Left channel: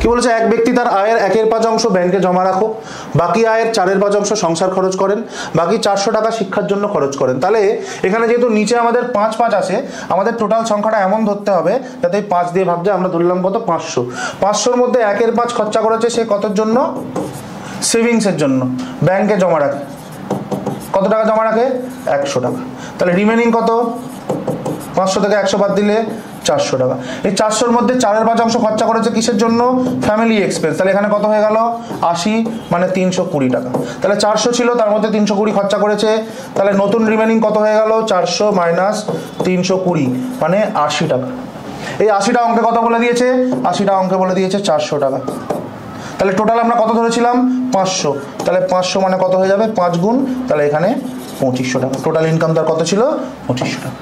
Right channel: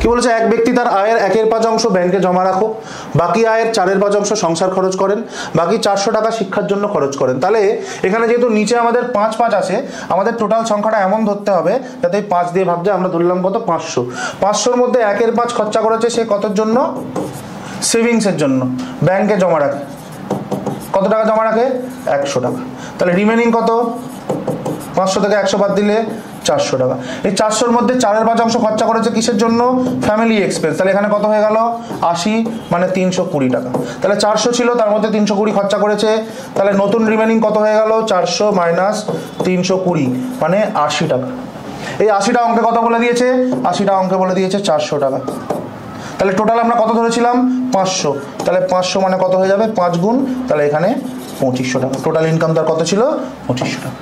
কি বলেছে, এক ব্যক্তি তার আয়ের 1/5 ব্যাংকে জমা রাখো, বাকি আয়ের 4/5 সংসার খরচ করেন, বাকি 400 টাকা শিক্ষার জন্য খরচ করেন। তাহলে এখানে যেহেতু নিচে আমাদের 5 আছে, আমাদের টোটাল সংখ্যাটা এমন ধরতে হবে যাতে 5 দিয়ে ভাগ যায়। আমরা ধরলাম কত, 500। 500-র মধ্যে 1/5 খরচা করেছে, সেই কতর জন্য, সেভিংসের জন্য, ব্যাংকে জমা রাখে। কত টাকা জমা রাখে, 100 টাকা। তাহলে রিমেনিং কত, 500 থেকে 100 বাদ দিলে 400 টাকা। এই 400-র মধ্যে 4/5 খরচা করেছে কিসের জন্য, ফ্যামিলি এক্সপেন্স। তাহলে এখানে কত হয়ে গেল, 80, মানে 320 টাকা। তাহলে 400 ছিল, তার মধ্যে 320 খরচা করেছে। তাহলে নতুন রিমেনিং কত হয়ে গেল, 400 মাইনাস 320, মানে 80 টাকা। এই 80টা অঙ্কে কত বলে দিয়েছে, 80টা অঙ্কে বলে দিয়েছে 400 টাকা। তাহলে টোটাল আমরা কত ধরেছিলাম, 500। তাহলে 500 মানে কত হয়ে যাবে, 5 গুণ, তাহলে এখানে 2500 টাকা। টোটাল ইনকাম তার কত ছিল, 2500 টাকা।